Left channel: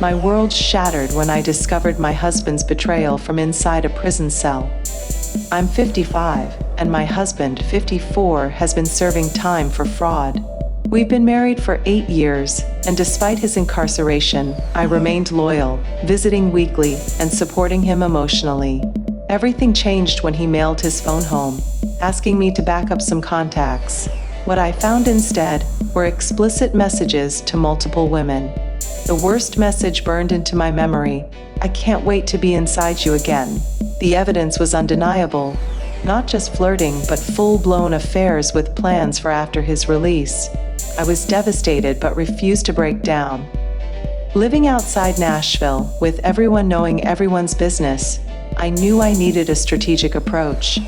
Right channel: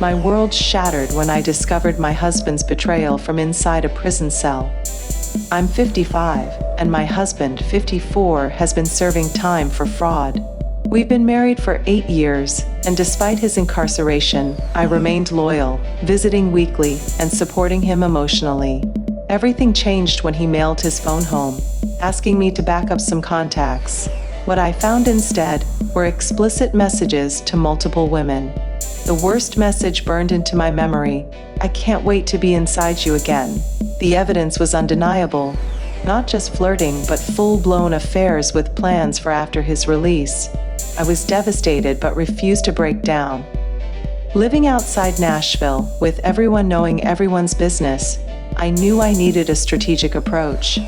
My world shattered when I discovered my husband's betrayal from inside a prison cell. I'm 55, and my husband, 54, has been serving time for fraud. We've been married for 8 years, and despite his incarceration, I remained loyal, visiting weekly and supporting him emotionally. Everything changed when he mailed his phone home, asking me to back up some contacts. What I found instead were explicit messages to multiple women. The worst message burned into my memory: "I can't wait to be inside you again." The evidence was undeniable. Not just flirting, but full-blown affairs with plans for after his release. I was devastated but refused to break down. Living outside Nashville, with everyone knowing everyone's business, I knew I needed a strategic approach.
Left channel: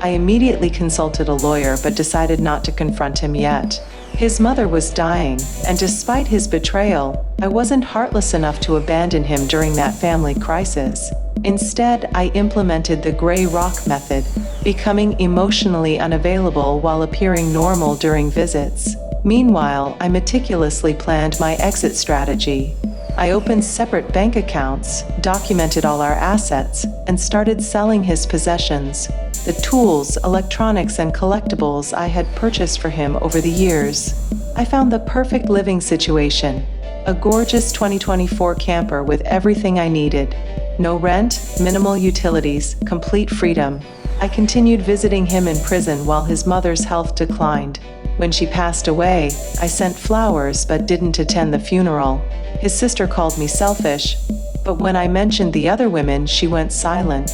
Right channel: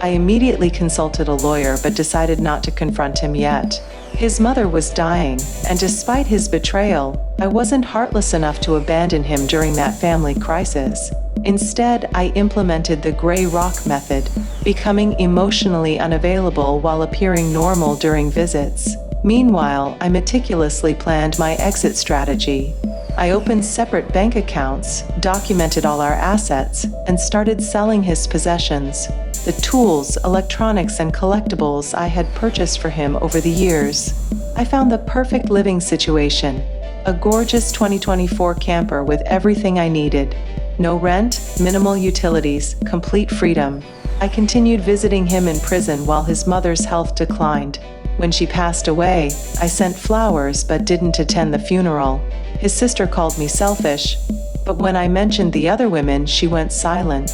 I immediately consulted a lawyer but decided not to confront him yet. His mother was dying, and despite his betrayal, I wasn't heartless enough to abandon him during that family crisis. Instead, I implemented the gray rock method, becoming emotionally unavailable while appearing normal during visits. Meanwhile, I meticulously planned my exit strategy. I opened separate bank accounts, documented all our assets, and started selling his possessions, the tools, electronics, and collectibles I had purchased for him over the years. I found the perfect living situation: a gorgeous 2024 camper with everything I needed. No rent, minimal utilities, complete freedom. I continued visiting him in prison while his mother's health declined. When she passed away, I sent flowers but didn't attend the funeral. His sister called me selfish, but when I mentioned the other women, she went silent.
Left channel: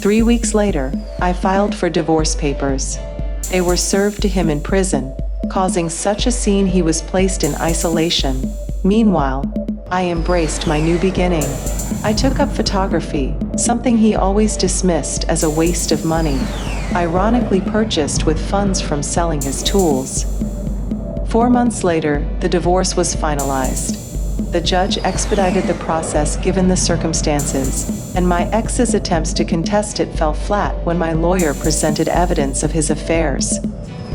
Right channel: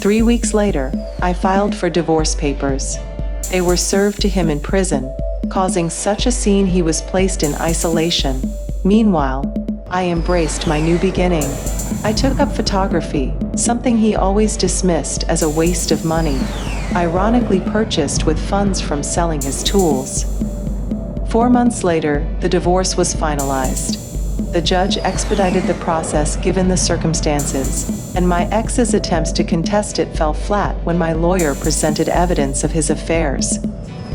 3 weeks later, I filed for divorce papers. They were served to him in prison, causing such a scene he was placed in isolation. Meanwhile, I embraced my new beginning. I took up photography, something he always dismissed as a waste of money, ironically purchased with funds from selling his tools. 4 months later, the divorce was finalized. The judge expedited the process given the circumstances, and my ex's attempts to contest it fell flat when my lawyer presented evidence of his affairs.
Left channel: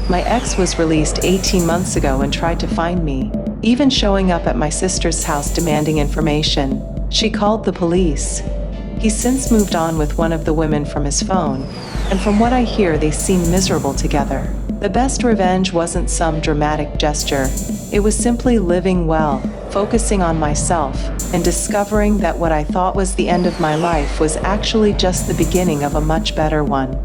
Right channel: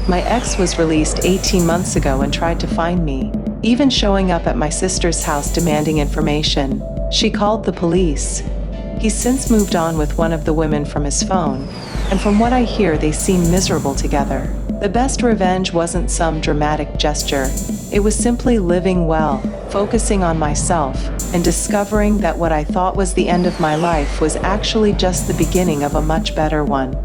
My ex was released 18 months ago and tried to find me, even showing up at my sister's house demanding information. She called the police. He's since moved on with one of the women from his phone, and from what I hear, they seem miserable together. The best revenge wasn't some dramatic gesture. It was simply living well, focusing on myself, and discovering that what I thought was the end of my life was actually just the beginning of a much better one.